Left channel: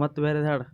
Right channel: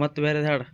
ಮತ್ತೆ ಬೇರೆ ಹಾಡು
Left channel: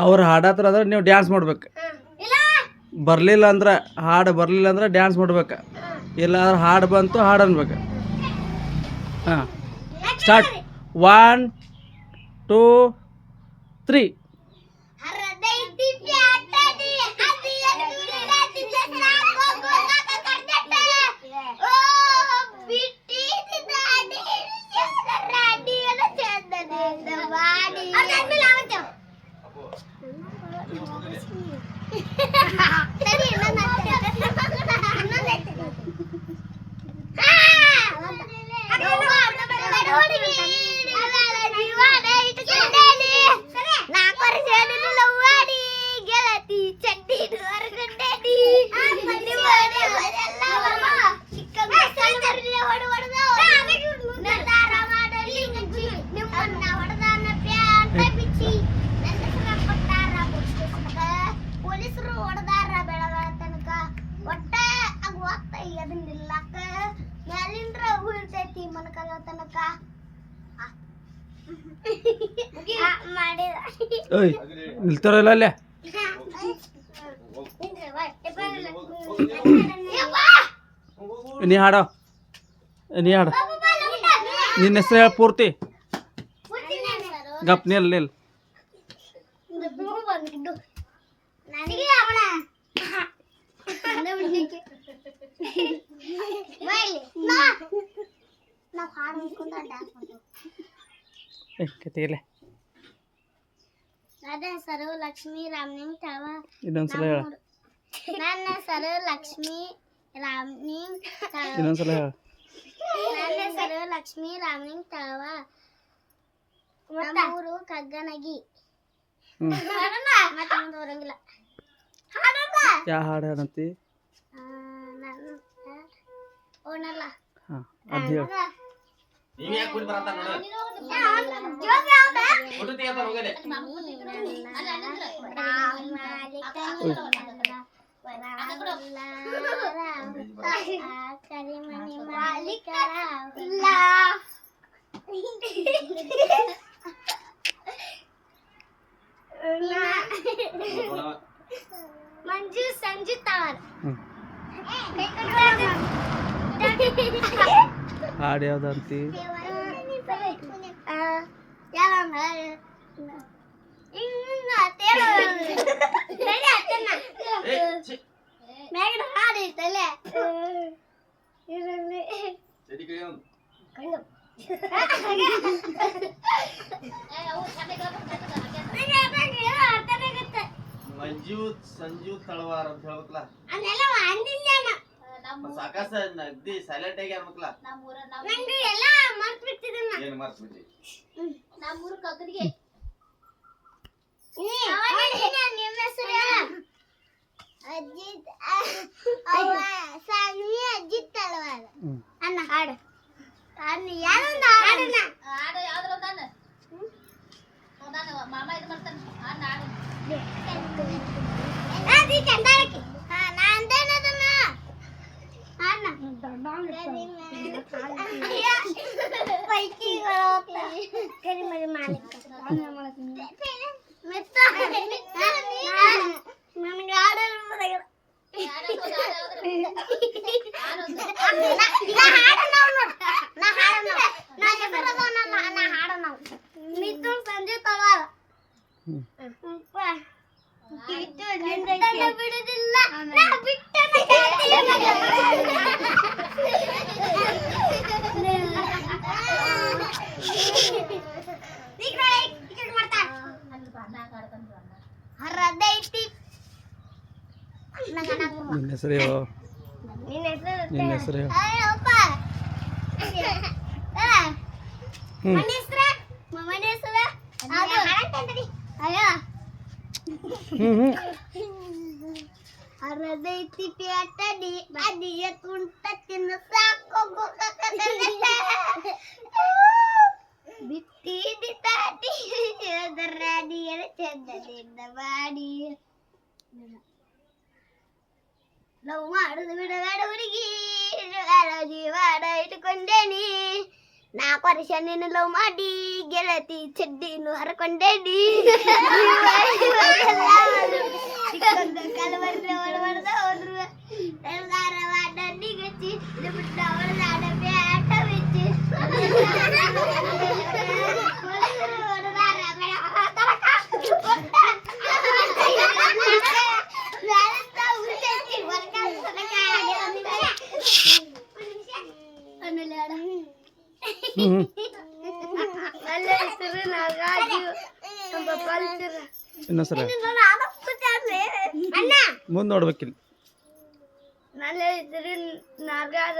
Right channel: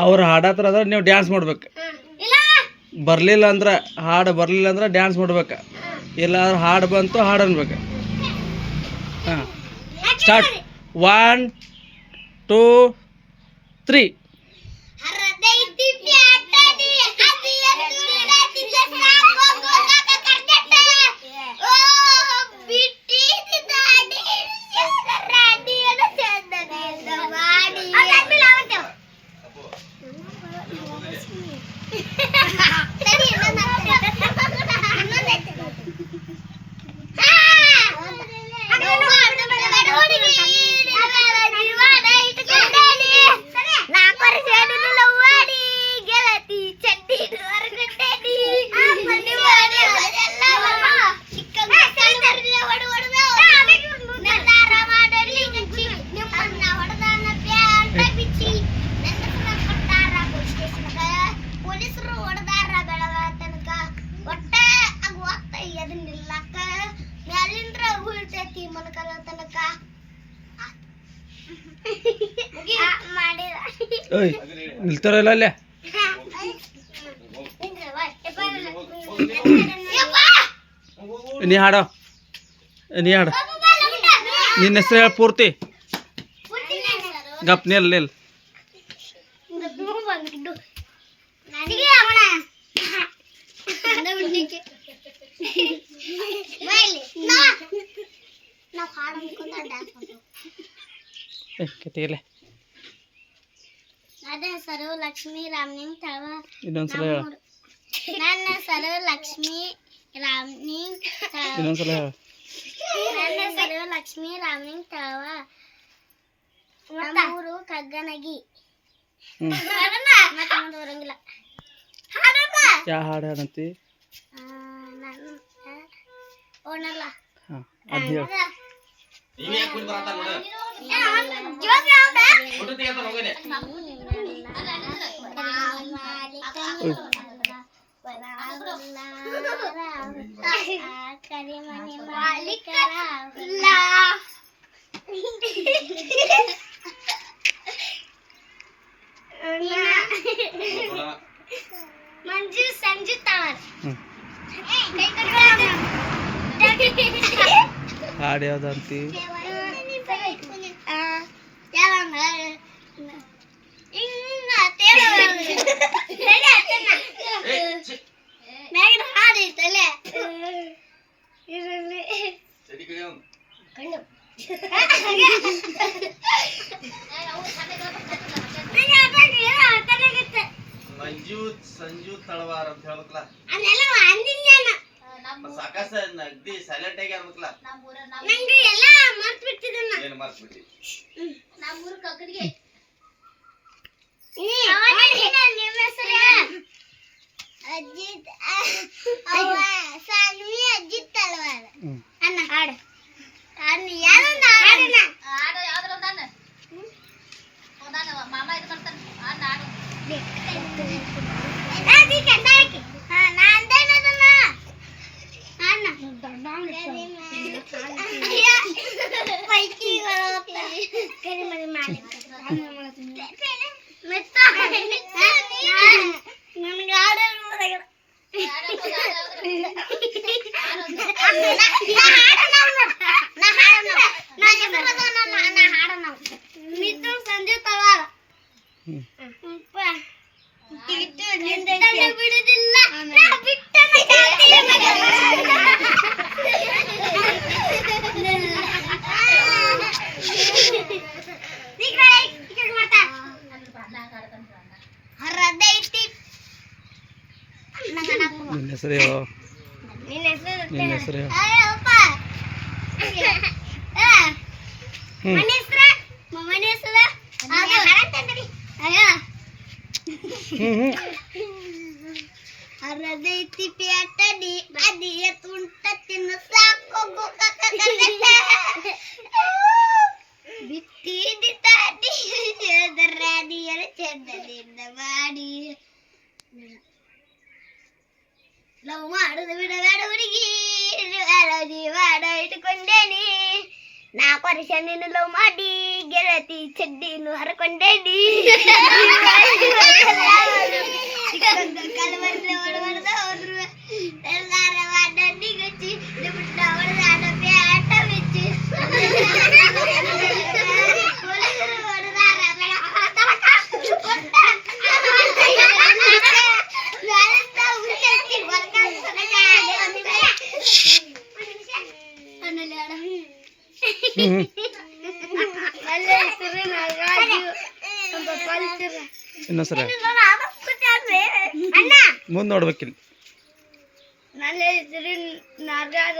ಅವ್ರು ಹಾಡತ್ರ ಅದ್ರ ನೀವು ಡ್ಯಾನ್ಸ್ ಮಾಡ್ಬೇಕು. ಬರಲಿಲ್ಲ ಅಂದ್ರೆ ಹಾಡು ಬರಲಿಲ್ಲ ಅಂದ್ರೆ ಡ್ಯಾನ್ಸ್ ಮಾಡ್ಬೇಕು. ಇಲ್ಲ ಅಂದ್ರೆ ಹಾಡು ಬಂತು ಹಾಡು ಅನ್ಬೇಕು. ಹಾಂ ಸ್ಟಾರ್ಟ್ 1 2 3. ಓಯ್ ನಿಲ್ತಾರಲ್ಲ ಅಲ್ಲೇ ನೀ ಹಾಡೋ ನೀ ಹಾಡು ನಿನ್ನ ಹೆಸರು ಹೇಳ ಪೂರ್ತಿ ಗಪ್ ನಿಲ್ ನಿಲ್ ಕತೆಯಲ್ಲ ನನ್ನ ಹೆಸರು ಲಕ್ಷ್ಮೀ ರಾಮಲಿಂಗ್ ತಳವ. ಇನ್ನೊಂದ್ಸಲ ಹೇಳ ನನ್ನ ಹೆಸರು ಲಕ್ಷ್ಮೀ ರಾಮಲಿಂಗ್ ತಳವ. ಇನ್ನೊಂದ್ಸಲ ಹೇಳ ನನ್ನ ಹೆಸರು ಲಕ್ಷ್ಮೀ ರಾಮಲಿಂಗ್ ತಳವ. ನಮ್ಮ ಊರು ಕಗ್ಗನಗಿ. ಮತ್ತೆ ಮುಂದೆ ಬರಂಗಿಲ್ಲ. ಯಾವ ಹಾಡು ಹಾಡಂತಿ ಓನಲ್ಲ ಹಾಂ ಅದು ಹೇಳು ಕರಿಮನಿ ಮಾಲೀಕರ ಮಂಜು ಸಂಜು ತವರ್. ಹಾಡು ಯಾವ್ದಂತಿ ಮ್ಯಾಗಿನ ಹಾಡು ಐತಲ್ಲ ಮಂಜು ಸಂಜು ತಳವಾರ ಅಂತ ಹೇಳ್ಬೇಕಲ್ಲ ಅದೆಲ್ಲ ಅಂದಿಲ್ಲ ಸಾಕಾಸ ಅಗ್ದಿ ಸೈಲೆಂಟ್ ಆಗಿ ಆಗ್ಬೇಕಲ್ಲ ನಂಗೆ ಎಲ್ಲ ಮರ್ತು ಬಿಟ್ಟಿದ್ದನ್ನ ಏನು ಮರ್ತ್ಬಿಟ್ಟಿ ನಮ್ಮೂರು ಕಕ್ಕಡಿಗೆ ನಿಮ್ಮ ಹೆಸರು ಅಜಿತ್ ಸಾನ್ವಿ ಅಜಿತ್ ತಳವಾರ ಅಣ್ಣ ಹಾಡು ಅಣ್ಣ ಯಾರೊಂದು ಹಾಡಣ್ಣ ಹಾಡು ಯಾವ್ದ್ರ ಒಂದಾನ ಮಾಮ ಇದು ಮಾಡ್ತಾನೆ ಅಣ್ಣ ಹಾಡು ಅದಿ ಕಂದಾಳಕ್ಕೆ ನಾ ಅಂದೇನದನ್ನ ಅಣ್ಣ ಪೈಕಿ ಕರಿಮರಿ ಮಾಲೀಕ ನನಗೆ ಆಡಲು ಬರಲ್ಲ ಮಿತ್ರ ಸಂಜೆ ತಳಾಗ ಬಿಡುದಿಲ್ಲ ನಿನ್ನ ಹೆಸರು ಹೇಳು ನಿನ್ನ ಹೆಸರು ಹೇಳು ಅರದೈತಿ ಪ್ಯಾಟಡಿ ಅದಿಯ ತುಂಟ ತಿನ್ನು ಸಾಕು ಬಿಟ್ಟಿದಿ ತಾಡಿ ರಾಡಿಯರ ಚಂದದಿಂದ ಮಾಡಿ ಲವ್ ಮಾಡುದು ಬಿಡಬೇಡ ಹುಡುಗಿ ಜೀವಾಡ ಇಟ್ಕೊಂಡೇನಿ 4 ವರ್ಷ ನಿನ್ನ ಲವ್ ಮಾಡಿ ಗೆಳತಿ ಚಡ್ಡಿನು ಹರ್ಕೊಂಡೇನಿ ಕಲವರ್ಲೆ ಹೊಡೆದ ಹೋದ್ರು ಎಲ್ಲಾರ ವಾಡಲ್ಲಿ ಗಚ್ಚಿ ಬಿಟ್ಟ ಹೊಡೆದಾಡ ಪ್ಯಾಟ ಬಿಚ್ಚಿ ಇನ್ನೊಂದ್ಸಲ ಮುಂದೆ ನೋಡ್ಬೇಕಿಲ್ಲ ನನ್ನ ಹೆಸರು ನಾಗರಾಜ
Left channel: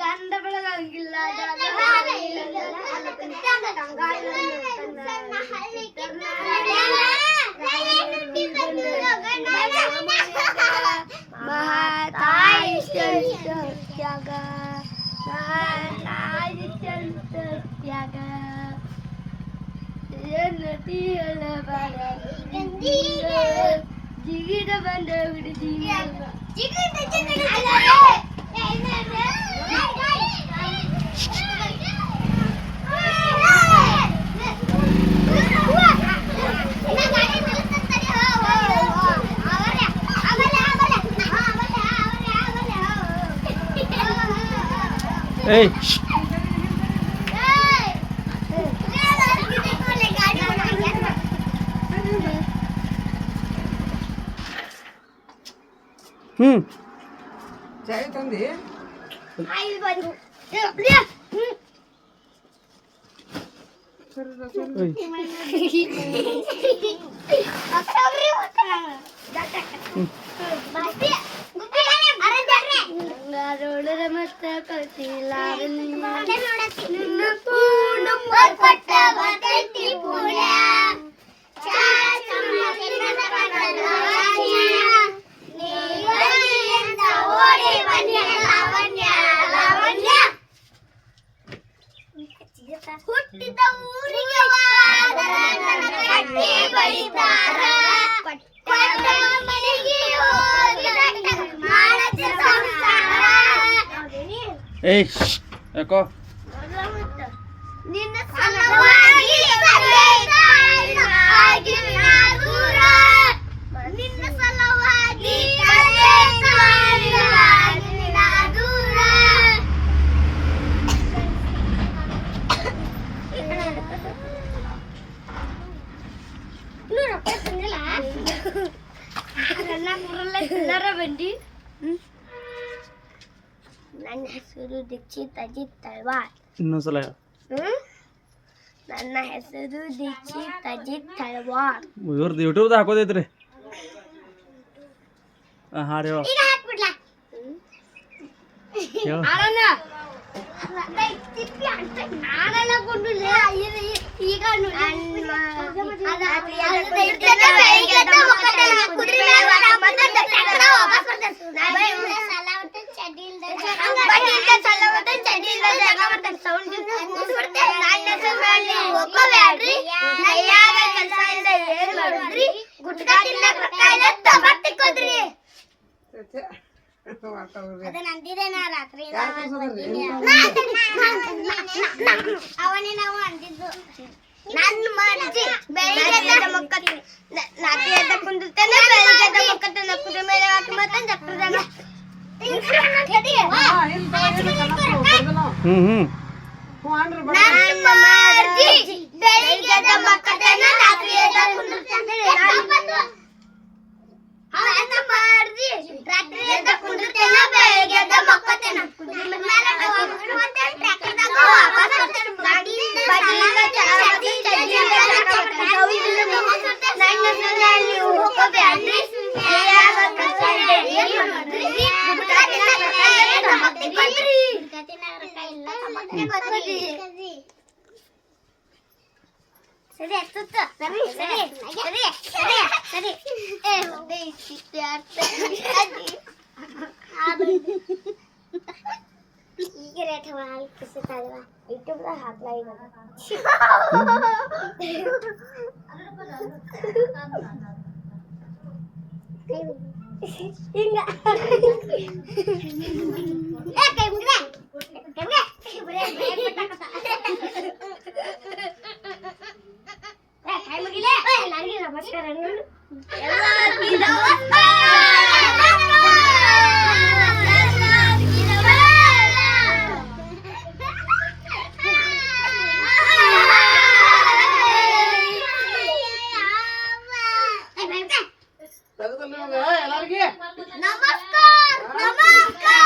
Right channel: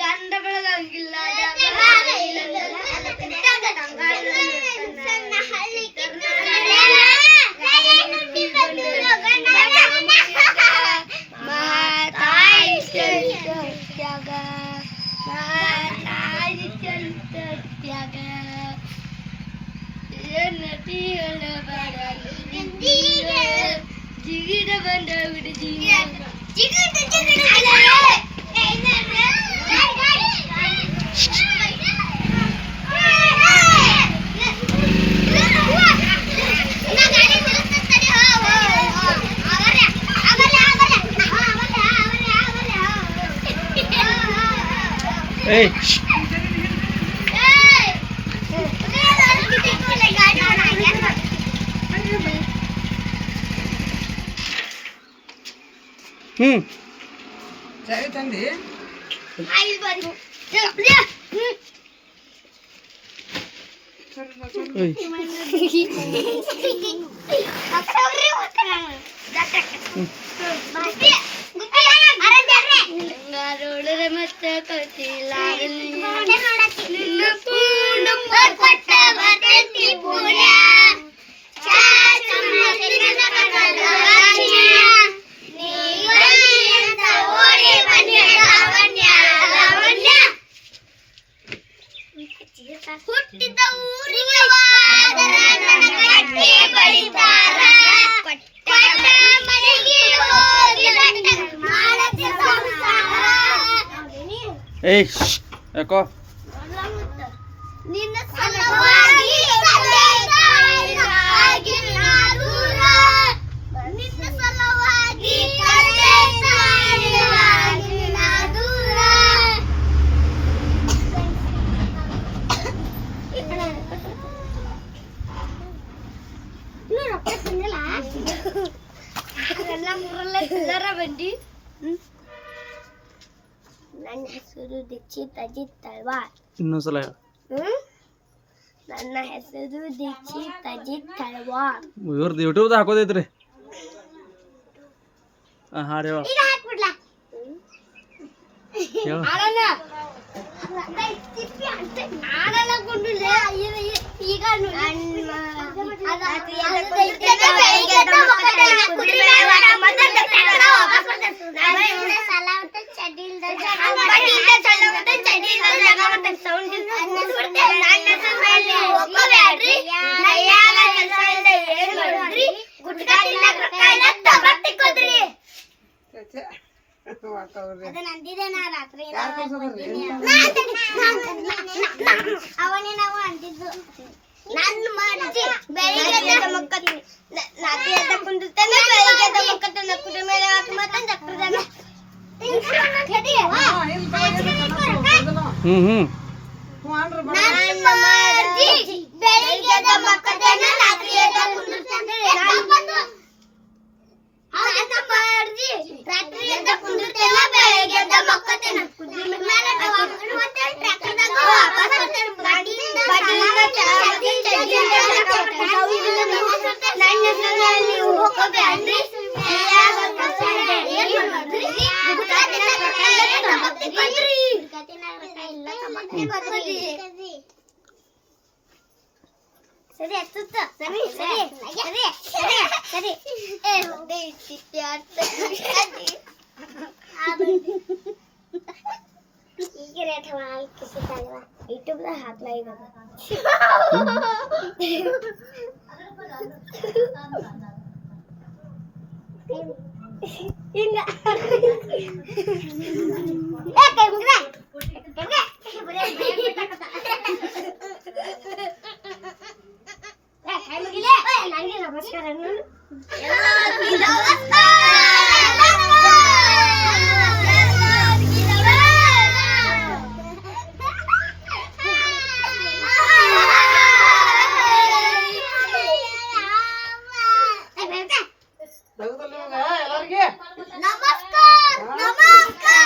ಗಂಡ ಬೆಳಗಂಗಿಲ್ಲ ಮಹಾತಾಯಿ ತ್ಯಾಗ ನಾಯಿ ಚಂತ ತ್ಯಾಗ ನದಿಯಲ್ಲ ಬಡ ಜಿಗಿದ ಬಂದ ಬಿಡಿ ಏಯ್ ಚಾಯ್ ತಂದಿ ರೋಡರ ಮತ್ತ ಕಳ್ಸಿಲ್ಲ ಹುಟ್ಟಿದ ಊರಿಗೆ ಹೋದರ ನನ್ನ ಕಟ್ಟಿ ಬಳಿತಾರ ಕೊಟ್ಟ ಮನೆಗೆ ಹೋಗಿ ಮಾಡದ ಸಂಸಾರ. ಏಯ್ ಯಾಕೋ ನಿನ್ನ ಸಲುವಾಗಿ ತಂದೆ ತಾಯಿಗಾಗಿ ನಾ ದೂರ. ನಿನ್ನ ಸಲುವಾಗಿ ತಂದೆ ತಾಯಿಗಾಗಿ ನಾ ದೂರ. ನನ್ನ ಹೆಸರು ದೀಕ್ಷಿತ್ ಅಜಿತ್ ತಳ್ವಾರ್. ಇನ್ನೊಂದ್ಸಲ ಹೇಳು. ನನ್ನ ಹೆಸರು ದೀಕ್ಷಿತ್ ಅಜಿತ್ ತಳ್ವಾರ್. ಇವ್ರದ್ದು ಯೂಟ್ಯೂಬ್ದು ಹಾಕೋದೈತ್ರಿ. ಹಾಡು ಹೇಳು ಈಗ ಹಾಕ್ಬಿಡ್ಲಾ? ಹೇಳು. ಈಗ ಅವನೇ ನಾವು ಅಂದಿದ್ದು ನನ್ನ ಮರ್ಜಿ. ಬೆಳಿಗ್ಗೆ ನಾಟಿ ಎದ್ದ ಕುಂದಿರ್ತೇನೆ, ಬೆಳಿಗ್ಗೆ ಎದ್ದ ಮಕ್ಕತ್ತೇನೆ, ಕುದುರೆ ಮೇಲೆ ಹಾಕಿ ಮತ್ತೆ ಚಕ್ರದಾಗ ನನ್ನ ಮರ್ಜಿ. ಬೆಳಿಗ್ಗೆ ಎದ್ದ ಮಕ್ಕತ್ತೇನೆ, ರಾತ್ರಿ ಎದ್ದ ಕುಂದಿರ್ತೇನೆ. ನನ್ನ ಮರ್ಜಿ. ರಾತ್ರಿ ಎದ್ದ ಕುಂದಿರ್ತೇನೆ, ಬೆಳಿಗ್ಗೆ ಎದ್ದ ಮಕ್ಕತ್ತೇನೆ, ಕುದುರೆ ಮೇಲೆ ಮತ್ತೆ ಟ್ರ್ಯಾಕ್ಟರ್ದಾಗ ವಾಪಸ್ ಬರ್ತೇನೆ. ನೀವು ಹೋಗಬೇಡ್ರಿ. ಸರಿ ಹತ್ತುತ್ತ ಸರಿ ಸರಿ ಸರಿ ಸರಿ ಸರಿ ಈಗ ರೇಟ್ ಸಿಗ್ತಾಯಿಲ್ವಾ ಯೂಟ್ಯೂಬ್ದಾಗ ಹಾಕ್ಲಾ ಇವಾಗ. ಹಿಂಗ ಕೈ ಮುಗ್ರೆ ಕೈ ಮುಗಿಲೆ ನನಗೆ ನಮಸ್ಕಾರ. ಎಲ್ಲರಿಗೆ ನಮಸ್ಕಾರ ನಮಸ್ಕಾರ.